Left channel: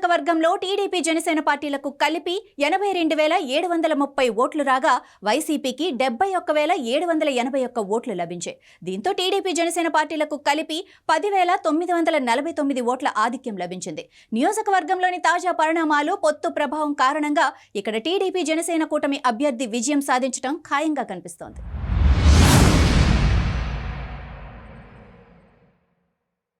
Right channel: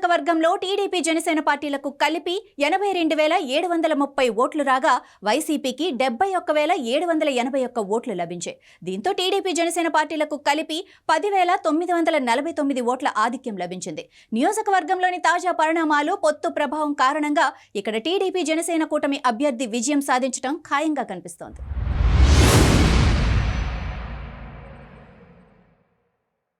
నియోజకవర్గంలో టీడీపీ జనసేన పార్టీలకు కలిపి ఎనభై రెండు వేల ఏడు వందల ముప్పై ఓట్లు రాగా వైసీపీకి డెబ్బై ఒక్క వేల ఏడు వందల ఎనభై ఒక్క ఓట్లు లభించాయి. దీంతో టీడీపీ జనసేన పార్టీలకు కలిపి పదివేల తొమ్మిది వందల నలభై తొమ్మిది ఓట్ల ఆధిక్యం లభించింది. నియోజకవర్గంలోని తాజా పరిణామాలు పొత్తు ప్రభావం కారణంగా ఇక్కడ టీడీపీ జనసేన కూటమి అభ్యర్థి విజయం సాధించడం ఖాయంగా కనిపిస్తోంది.